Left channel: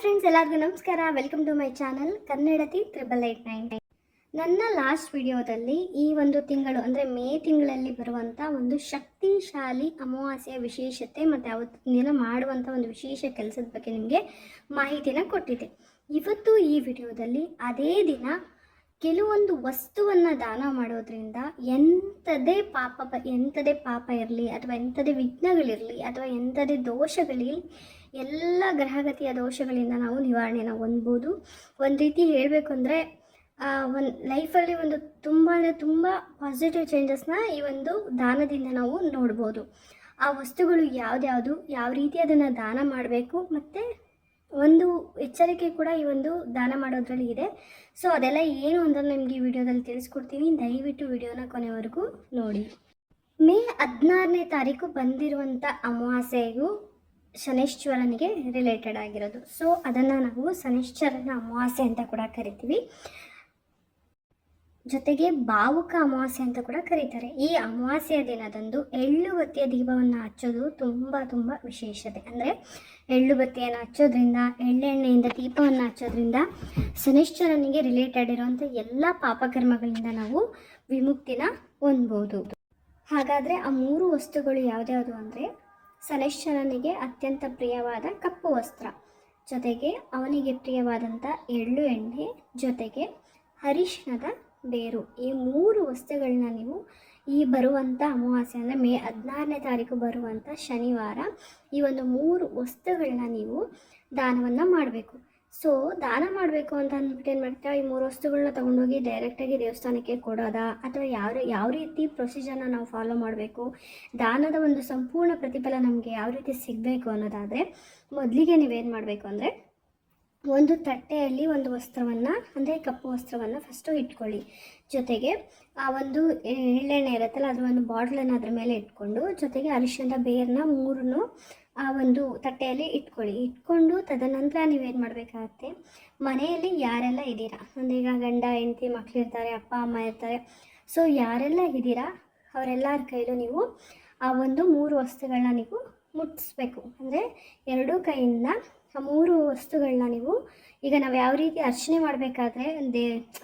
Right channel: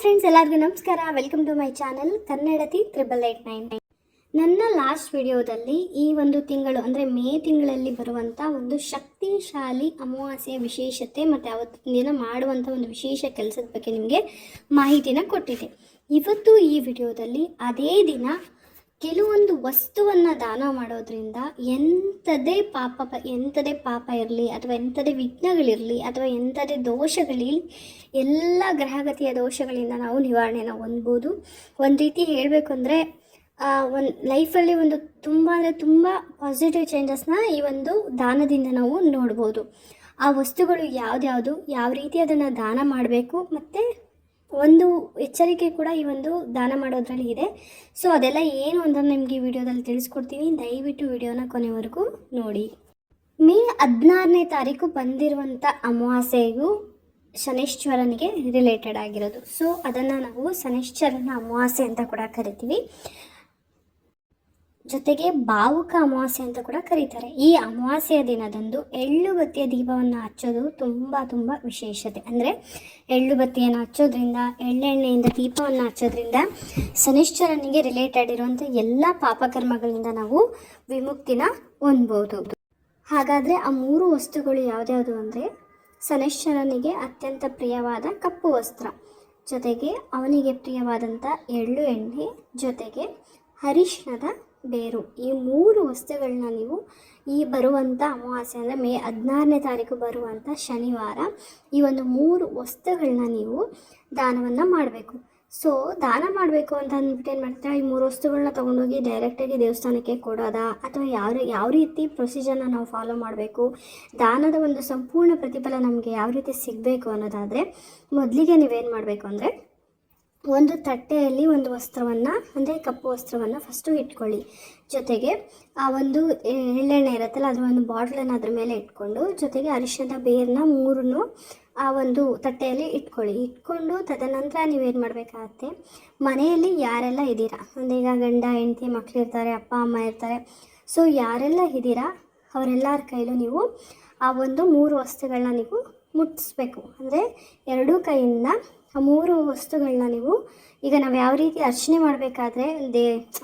Friends, ಎಲ್ಲರಿಗೂ ನಮಸ್ಕಾರ. Welcome to my channel ಕನ್ನಡತಿ 8889. ನನ್ನ ಲಾಸ್ಟ್ ವಿಡಿಯೋದಲ್ಲಿ ಈ ಒಂದು ತಿಂಗಳು ಅಂದರೆ ಮೇ ತಿಂಗಳಲ್ಲಿ ಬರುವಂಥ ಒಂದು ಶಕ್ತಿಶಾಲಿ ಅಮಾವಾಸ್ಯೆಯ ವಿಶೇಷತೆ ಮತ್ತು ಅವತ್ತಿನ ದಿನ ಮಾಡುವಂಥ ಒಂದು ವಿಶೇಷ ಕೆಲಸದ ಬಗ್ಗೆ ನಿಮಗೆ ಮಾಹಿತಿನ ಕೊಟ್ಟಿದ್ದೆ. ಇವತ್ತು ಈ ವಿಡಿಯೋದಲ್ಲಿ ಅದೇ ದಿನ ಕೆಲವೊಂದು ವಸ್ತುವನ್ನು ದಾನ ಮಾಡೋದ್ರಿಂದ ಎಂಥದೇ ಪಾಪ ಇರಲಿ ಅಥವಾ ಎಂಥದೇ ವಿಘ್ನಗಳಿರಲಿ ಅಥವಾ ಎಂಥದೇ ದೋಷಗಳಿರಲಿ ಎಲ್ಲ ಗ್ರಹಗತಿಯ ದೋಷಗಳಿಂದ ನಾವು ನಿವಾರಣೆನ ಹೊಂದ್ಬೋದು. ಒಂದು ರೀತಿ ಹೇಳಬೇಕು ಅಂದರೆ ಒಂದು ಲೈಫಲ್ಲಿ ಒಂದು ತುಂಬ ಪಾಸಿಟಿವ್ ಚೇಂಜಸ್ನ ಈ ಒಂದು ದಾನದಿಂದ ನಾವು ನೋಡ್ಬೋದು. ಆ ವಸ್ತುಗಳು ಯಾವ್ದ್ಯಾವುದು, ಯಾವ ರೀತಿ ಅದನ್ನು ದಾನ ಮಾಡಬೇಕು ಮತ್ತು ಒಂದು ಎಚ್ಚರಿಕೆ ಕೂಡ ಈ ಒಂದು ದಾನ ಮಾಡೋದ್ರಲ್ಲಿ ಇದೆ. ಸೊ ಅದೆಲ್ಲ ಏನು ಅಂತ ನಿಮಗೆ ಈ ವಿಡಿಯೋದಲ್ಲಿ ತಿಳಿಸ್ಕೊಡ್ತೀನಿ. ದಯವಿಟ್ಟು ವಿಡಿಯೋನ ಕೊನೆವರೆಗೂ ನೋಡಿ. ಮೇ 16ನೇ ತಾರೀಕು ಬಂದಿರುವಂಥ ಅಮಾವಾಸ್ಯೆಗೂ ಶನೈಶ್ಚರನಿಗೆ ರಿಲೇಟೆಡ್ ಆಗಿರೋದು. ಸೊ ಅದನ್ನು ನಾವು ಶನೈಶ್ಚರನ ಅಮಾವಾಸ್ಯೆ ಅಂತ ಕೂಡ ಕರಿತೀವಿ, ಜೊತೆಗೆ ಭಾವುಕ ಅಮಾವಾಸ್ಯೆ ಅಂತ ಕೂಡ ಕರೀತಾರೆ. ಈ ಅಮಾವಾಸ್ಯೆಯ ದಿನದಂದು ಎಳ್ಳುಬತ್ತಿಯ ದೀಪವನ್ನು ಹಚ್ಚೋದು ತುಂಬ ವಿಶೇಷತೆ. ಅಂದರೆ ಎಳ್ಳುಬತ್ತಿಯನ್ನು ಹಚ್ಚೋದ್ರಿಂದ, ಎಳ್ಳೆಣ್ಣೆಯಿಂದ ದೀಪವನ್ನು ಹಚ್ಚೋದ್ರಿಂದ ಶನೈಶ್ಚರನಿಗೆ ರಿಲೇಟೆಡ್ ಇರುವಂಥ ಎಲ್ಲ ಪಾಪಕರ್ಮಗಳಿಂದ ನಾವು ವಿಮುಕ್ತಿನ ಹೊಂದ್ಬೋದು. ಹಾಗಾದರೆ ಆ 3 ವಸ್ತುಗಳು ಯಾವ್ದ್ಯಾವುದು ಅಂದರೆ, ಶನೈಶ್ಚರನಿಗೆ ಅತ್ಯಂತ ಪ್ರಿಯವಾದ ಕಪ್ಪು ವಸ್ತ್ರ, ಜೊತೆಗೆ ಅವನಿಗೆ ಪ್ರಿಯವಾದಂಥ ಎಳ್ಳು ಎಣ್ಣೆ, ಜೊತೆಗೆ ಅರಿಶಿಣದ ಬೇರು. ಈ 3 ವಸ್ತುಗಳನ್ನ ನೀವು ಈ ಬರುವಂಥ ಅಮಾವಾಸ್ಯೆ ಅಂದರೆ ಮೇ 16ನೇ ತಾರೀಕು ಬರುವಂಥ ಶನಿವಾರ ಈ ಒಂದು 3 ವಸ್ತುಗಳನ್ನ ನೀವು ದಾನವನ್ನು ಮಾಡಬೇಕು. ಸೊ ದಾನ ಮಾಡಬೇಕು ಅಂತ ಅಂದ್ಬಿಟ್ಟು ಏನು ಮಾಡ್ತಾರೆ, ಈ 3 ವಸ್ತುಗಳನ್ನ ತೊಗೊಂಡೋಗಿ ಡೈರೆಕ್ಟಾಗಿ ದೇವಸ್ಥಾನಕ್ಕೆ ಕೊಡೋದಾ ಅಥವಾ ಯಾವ ರೀತಿ ಪ್ರೊಸೀಜರ್ನ ನಾವು ಫಾಲೋ ಮಾಡಬೇಕು, ದಾನದ ಒಂದು ಸಂಪೂರ್ಣ ಪ್ರತಿಫಲ ನಮಗೆ ಯಾವ ರೀತಿ ಸಿಗಬೇಕು ಅನ್ನೋದಾದರೆ, ಮೊದಲಿಗೆ ನೀವೇನು ಮಾಡಬೇಕು ಅಂದರೆ, ಒಂದು ತಟ್ಟೆಯಲ್ಲಿ ಒಂದು ವಸ್ತ್ರವನ್ನು ಅಂದರೆ ಕಪ್ಪು ವಸ್ತ್ರವನ್ನು ಫಸ್ಟು ಇಟ್ಕೊಳ್ಳಿ. ಜೊತೆಗೆ ಆ ಒಂದು ಎಳ್ಳೆಣ್ಣೆ ಇರುತ್ತಲ್ಲ ಅದರ ಒಂದು ಬಾಟ್ಲನ್ನು ಅದ್ರ ಮೇಲೆ ಇಟ್ಕೊಂಡು, ಜೊತೆಗೆ ಅರಿಶಿಣದ ಬೇರನ್ನ 3 ಆ ಒಂದು ತಟ್ಟೆಯಲ್ಲಿ ಇಟ್ಕೊಂಡು ತದನಂತರ ನೀವೇನು ಮಾಡಬೇಕಾಗತ್ತೆ, ಮನೆಯಲ್ಲಿ ಯಾರೆಲ್ಲ ಇದ್ದೀರಾ, ಒಂದೀಗ ಗಂಡ ಹೆಂಡತಿ ಮಕ್ಕಳಿರ್ತಾರೆ, ಅಪ್ಪ ಅಮ್ಮ ಇರ್ತಾರೆ. ಸೊ ಯಾರೆಲ್ಲ ಇದ್ದೀರಾ ಅವರೆಲ್ಲರ ಕೈಲೂ ನೀವು ಆ ಒಂದು 3 ವಸ್ತುಗಳನ್ನ ನೀವು ಮುಟ್ಟಿಸ್ಬೇಕು. ಅಂದರೆ 2 ಕೈಯಿಂದ ಆ 3 ವಸ್ತುಗಳನ್ನ ನೀವು, ಈಗ ನಾವು ಯಾವ ರೀತಿ ಅರ್ಚನೆ ಮಾಡಬೇಕಾದ್ರೆ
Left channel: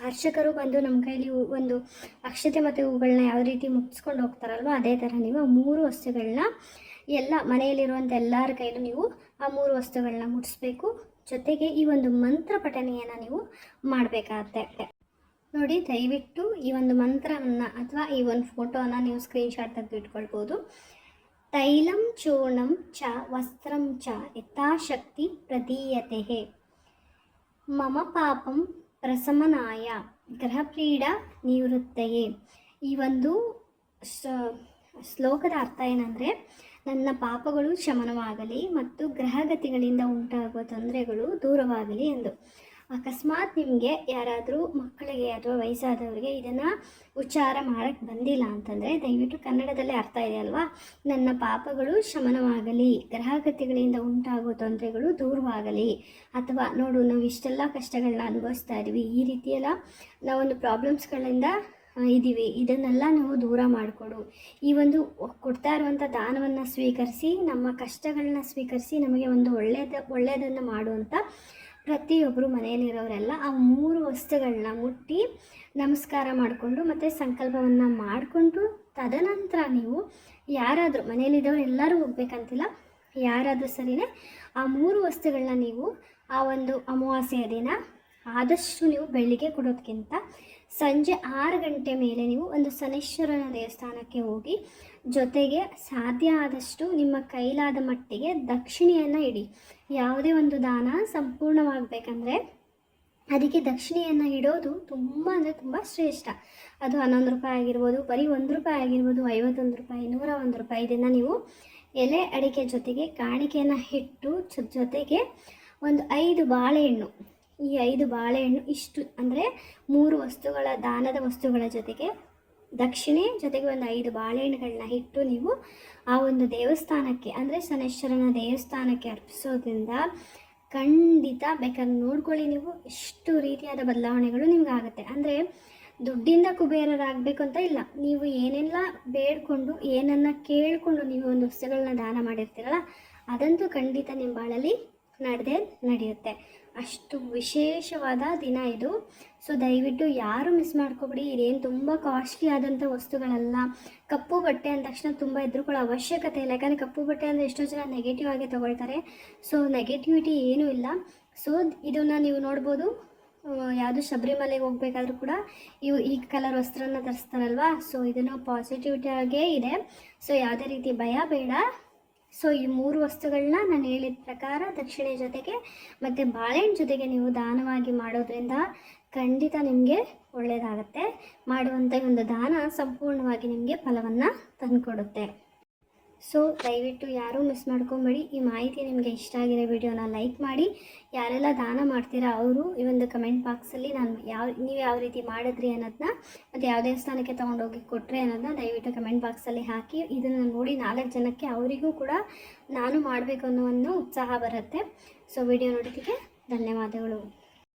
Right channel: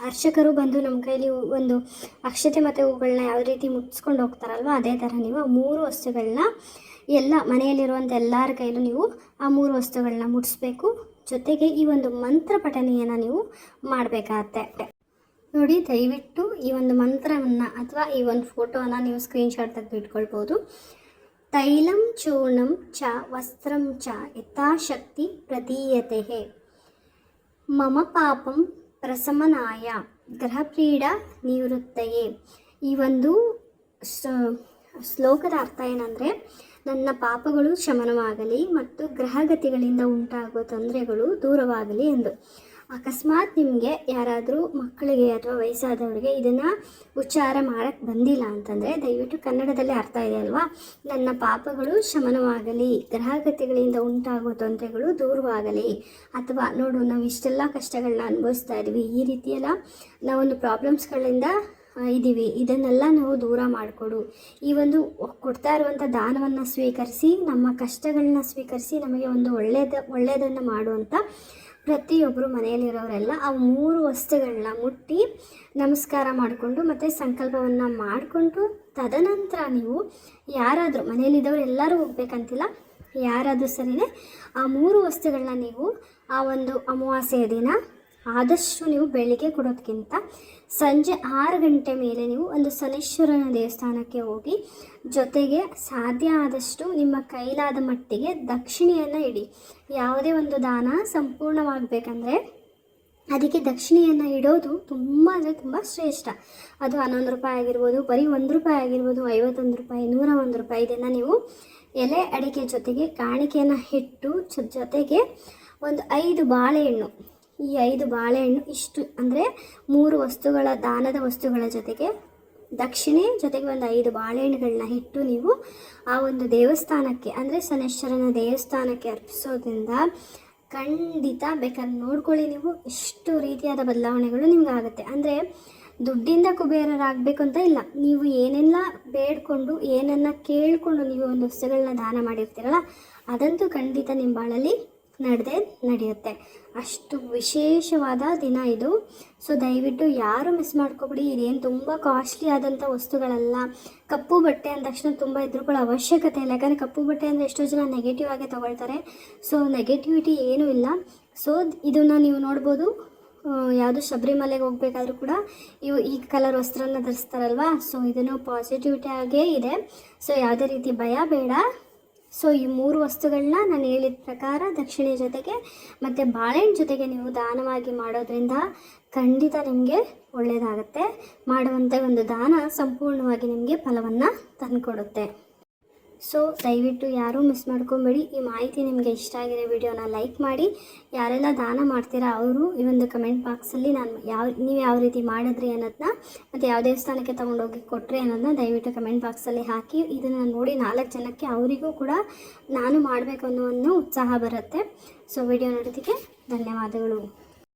ಅರ್ಚಕರು ಬಂದು ನಮ್ಮ ಕೈಲಿ ಒಂದು ಅಕ್ಷತೆ ಮತ್ತು ಹೂಗಳನ್ನ ಯಾವ ರೀತಿ ಮುಟ್ಟಿಸ್ಕೊಂಡು ಹೋಗ್ತಾರಲ್ವ, ಅದೇ ಥರ ನೀವು ಆ 3 ವಸ್ತುಗಳನ್ನ ಎಲ್ಲ ಮನೆಯಲ್ಲಿರುವಂಥ ಎಲ್ಲರ ಕೈಲೂ ನೀವು ಆ 3 ವಸ್ತುಗಳನ್ನ ಮುಟ್ಟಿಸ್ಬೇಕು. ಜೊತೆಗೆ ಈ ಒಂದು ಮಂತ್ರ ಪಠಣೆಯನ್ನು ನೀವು ಮಾಡಬೇಕಾಗತ್ತೆ. ನೋಡಿ, ದಯವಿಟ್ಟು ಈ ಒಂದು ಮಂತ್ರವನ್ನು ಅಥವಾ ಈ ಒಂದು ಫೋಟೋನ ನೀವು ಸ್ಕ್ರೀನ್ಶಾಟ್ ತೆಗೆದು ಇಟ್ಕೊಳ್ಬೋದು. ತೈಲಂ ಚೂರ್ಣಂ ಚ ವಸ್ತ್ರಂ ಚ ಯಥಾಶಕ್ತಿ ಪ್ರದೀಯತೆ ಮಮ ಪಾಪಂ ಪ್ರಶಮನಾಯ ಗ್ರಹಪೀಡಾ ನಿವೃತ್ತಯೇ. ಈ ಒಂದು ಶ್ಲೋಕದ ಅರ್ಥ ಏನಂದರೆ, ನನ್ನ ಪಾಪಗಳು ಶಮನವಾಗಲಿ ಮತ್ತು ಗ್ರಹಗತಿಗಳಿಂದ ಉಂಟಾಗುವ ತೊಂದರೆಗಳು ದೂರವಾಗಲಿ ಎಂದು. ಅಕಸ್ಮಾತ್ ನಿಮಗೆ ಯಾರಾದರೂ ಮಕ್ಕಳಿಗೆ ಅಥವಾ ವಯಸ್ಸಾದವರಿಗೆ ಇದನ್ನು ಉಚ್ಚಾರ ಮಾಡೋಕ್ಕೆ ಬಂದಿಲ್ಲ ಅಂತಂದರೆ, ದಯವಿಟ್ಟು ಕನ್ನಡದಲ್ಲಿ ಅರ್ಥ ಇದೆ ಅಲ್ವಾ, ನನ್ನ ಪಾಪಗಳು ಶಮನವಾಗಲಿ, ಗ್ರಹಗತಿಗಳಿಂದ ಉಂಟಾಗುವ ತೊಂದರೆಗಳು ದೂರವಾಗಲಿ, ಅಥವಾ ನೋಡು ನಾವು ಇಷ್ಟೆಲ್ಲ ಕಷ್ಟಗಳನ್ನ ಅನುಭವಿಸ್ತಾ ಇದ್ದೀವಿ, ಈ ರೀತಿಯೆಲ್ಲ ನಾವೊಂದು ಪ್ರಾಬ್ಲಮ್ಸ್ಗಳಿಂದ ಇದ್ದೀವಿ, ಇದನ್ನೆಲ್ಲ ನಾವು ದೂರ ಮಾಡಿಕೊಡು. ಈ ಒಂದು ಕೊಡ್ತಾ ಇರುವಂಥ ದಾನವನ್ನು ಸ್ವೀಕರಿಸಿ, ನಮ್ಮ ಕಷ್ಟಗಳನ್ನ ಸ್ವೀಕರಿಸಿ, ನಮಗೆ ಒಂದು ಒಳ್ಳೆಯದನ್ನು ಮಾಡುವಂಥ ಪ್ರತಿಯೊಬ್ಬರು ಮನೆಯಲ್ಲಿರೋರೆಲ್ಲ ಆ 3 ವಸ್ತುಗಳನ್ನ ಮುಟ್ಟಿ ನಮಸ್ಕಾರ ಮಾಡಿಕೊಂಡು ಮತ್ತು ಸಂಕಲ್ಪವನ್ನು ಮಾಡಿಕೊಂಡು, ತದನಂತರ ನೀವು ಯಾರಾದರೂ ಮನೆಯಲ್ಲಿದ್ದವರು ಎಲ್ಲರೂ ಹೋಗ್ಬೇಕಂತಿಲ್ಲ, ಯಾರಾದರೂ ಸರಿಯೇ ಆ 3 ವಸ್ತುಗಳನ್ನ ನೀವು ಆ ಒಂದು ಅಮಾವಾಸ್ಯೆಯ ದಿನ ಆದಷ್ಟು ನೀವು ಬೆಳಿಗ್ಗೆ ಕೊಡೋದಕ್ಕಿಂತ ಸಂಜೆ 6 ಗಂಟೆ ಮೇಲೆ ನೀವು ಒಂದು ಶನೈಶ್ಚರನ ದೇವಸ್ಥಾನಕ್ಕೆ ಹೋಗಿ, ಜೊತೆಗೆ ಸಾಧ್ಯ ಆದಷ್ಟು ನಿಮ್ಮ ಕೈಲಾದ ಮಟ್ಟಿಗೆ ದಕ್ಷಿಣೆಯನ್ನು ಇಡಿ. ಯಾವುದೇ ಒಂದು ದಾನ ಸಂಪೂರ್ಣವಾಗಬೇಕಂದ್ರೆ ಅದಕ್ಕೆ ದಕ್ಷಿಣೆಯನ್ನು ಇಡೋದು ತುಂಬ ಶ್ರೇಷ್ಠ. ಅದು 11 ರೂಪಾಯಿ ಆಗಿರ್ಬೋದು, ಬರೀ 1 ರೂಪಾಯಿ ಆಗಿರ್ಬೋದು, 51 ರೂಪಾಯಿ, 101 ರೂಪಾಯಿ. ಇದನ್ನು ನೀವು ಎಲೆ ಅಡಿಕೆ ಜೊತೆಗೆ ಕಾಣಿಕೆಯನ್ನು ಇಟ್ಟು, ಜೊತೆಗೆ ಒಂದು 5 ಬಾಳೆಹಣ್ಣು, ಈ 5 ಬಾಳೆಹಣ್ಣು ಇಷ್ಟು ಅಂದರೆ 3 ವಸ್ತುಗಳ ದಾನದ ವಸ್ತುಗಳ ಜೊತೆಗೆ ದಕ್ಷಿಣೆ ಜೊತೆಗೆ ಒಂದು 5 ಬಾಳೆಹಣ್ಣುಗಳನ್ನ ಇಟ್ಟು ನೀವು ಆ ಒಂದು ದೇವಸ್ಥಾನಕ್ಕೆ ಅಂದರೆ ಶನೈಶ್ಚರನ ದೇವಸ್ಥಾನಕ್ಕೆ ಅರ್ಪಿಸೋದ್ರಿಂದ ಖಂಡಿತ ಬೇಕಾದ್ರೆ ನೋಡ್ಕೊಳ್ಳಿ ನೀವು, ಎಷ್ಟು ರೀತಿಯಾದ ಬದಲಾವಣೆಗಳು ನಿಮ್ಗೆ ಆಗುತ್ತೆ. ಅಂದರೆ ದುಡ್ಡಿಂದ ಕುಬೇರರಾಗಬೇಕು ಅಂತ ಇಲ್ಲ, ನೀವು ಏನೆಲ್ಲ ಬೇಡ್ಕೊಂಡು ಏನನ್ನು ಕೇಳಿಕೊಂಡು ನೀವು ಒಂದು ವಸ್ತುಗಳನ್ನ ದಾನ ಮಾಡಿರ್ತೀರಲ್ಲ, ಅದಂತೂ ಖಂಡಿತ ನಿಮ್ಮ ಬಾಳಲ್ಲಿ ನಡೆಯುತ್ತೆ. ಅಷ್ಟು ವಿಶೇಷವಾದ ದಿನ ಇದು. ಸೊ ದಯವಿಟ್ಟು ಯಾರು ಮಿಸ್ ಮಾಡ್ಕೊಬಿಡಿ. ಇದೇನು ತುಂಬ ಕಾಸ್ಟ್ಲಿ ಆದಂಥ ವಸ್ತುಗಳಲ್ಲ. ಕಪ್ಪು ಬಟ್ಟೆ ಅಂದ ತಕ್ಷಣ ತುಂಬ ಹೆದರ್ಕೊಳ್ಳೋ ಅವಶ್ಯಕತೆ ಇಲ್ಲ. ಯಾಕಂದರೆ ಕಪ್ಪು ಬಟ್ಟೆ ಅಂದರೆ ಎಷ್ಟೋ ಜನ ನೆಗೆಟಿವ್ ಆಗಿ ತೊಗೊಳ್ತಾರೆ. ಸೊ ನೆಗೆಟಿವಿಟಿ ಏನೂ ಇಲ್ಲ. ಸೊ ಇದನ್ನು ನೀವು ನೋಡ್ಬೋದು, ಯಾವುದು ಶಬರಿಮಲೆಗೆ ಹೋಗ್ಬೇಕಾದ್ರೂ ಕೂಡ ಈ ಕಲರ್ ವಸ್ತ್ರನ ಧರಿಸ್ತಾರಲ್ವ. ಸೊ ಇದನ್ನು ಪಾಸಿಟಿವಿಟಿ ಆಗೇ ಇದೆ. ಸೊ ಯಾವುದೇ ರೀತಿ ಭಯ ಬೇಡ. ಸೊ ಈ 3 ವಸ್ತುಗಳನ್ನ ನಾನು ಹೇಳಿದ ಪ್ರಕಾರ ದಕ್ಷಿಣೆ ಜೊತೆಗೆ ಮತ್ತು ಬಾಳೆಹಣ್ಣು ಜೊತೆಗೆ ನೀವು ದಾನವಾಗಿ ಮಾಡೋದ್ರಿಂದ ಖಂಡಿತ ನಿಮಗೆ ಒಳ್ಳೆಯದಾಗುತ್ತೆ. ಮಾಡುವಂಥ ಒಂದು ದಾನ ಸಂಪೂರ್ಣವಾಗಿ ನಿಮಗೆ ಫಲವನ್ನು ತಂದುಕೊಡುತ್ತೆ. ಸೊ ದಯವಿಟ್ಟು ಯಾರೂ ಮಿಸ್ ಮಾಡ್ಕೊಬೇಡಿ. ಈ ಮಾಹಿತಿ ನಿಮಗೆ ಇಷ್ಟ ಆಗಿರೋ ವಿಡಿಯೋನ ಲೈಕ್ ಮಾಡಿ. ಯಾರೆಲ್ಲ ದಾನ ಮಾಡ್ತೀರಾ ಅವರು ಈ ಒಂದು ಕಮೆಂಟ್ ಬಾಕ್ಸಲ್ಲಿ ನೀವು ಯಾವ ರೀತಿ ಮಾಡಿದ್ರಿ ಅನ್ನೋದನ್ನ ಮತ್ತು ಯಾವ ದೇವಸ್ಥಾನಕ್ಕೆ ತೊಗೊಂಡೋಗಿ ಕೊಟ್ಟರೆ ಅನ್ನೋದನ್ನ ದಯವಿಟ್ಟು ಕಮೆಂಟ್ ಬಾಕ್ಸಲ್ಲಿ ಹಾಕಿ. ಇದನ್ನು ನೋಡಿ 4 ಜನಕ್ಕೆ ಅವರಿಗೂ ಕೂಡ ನಾನು ಮಾಡಬೇಕು ಅನ್ನೋ ಒಂದು ಉತ್ಸಾಹ ಬರುತ್ತೆ. ಸೊ ವಿಡಿಯೋ ನೋಡೋದಕ್ಕೆ ಧನ್ಯವಾದಗಳು.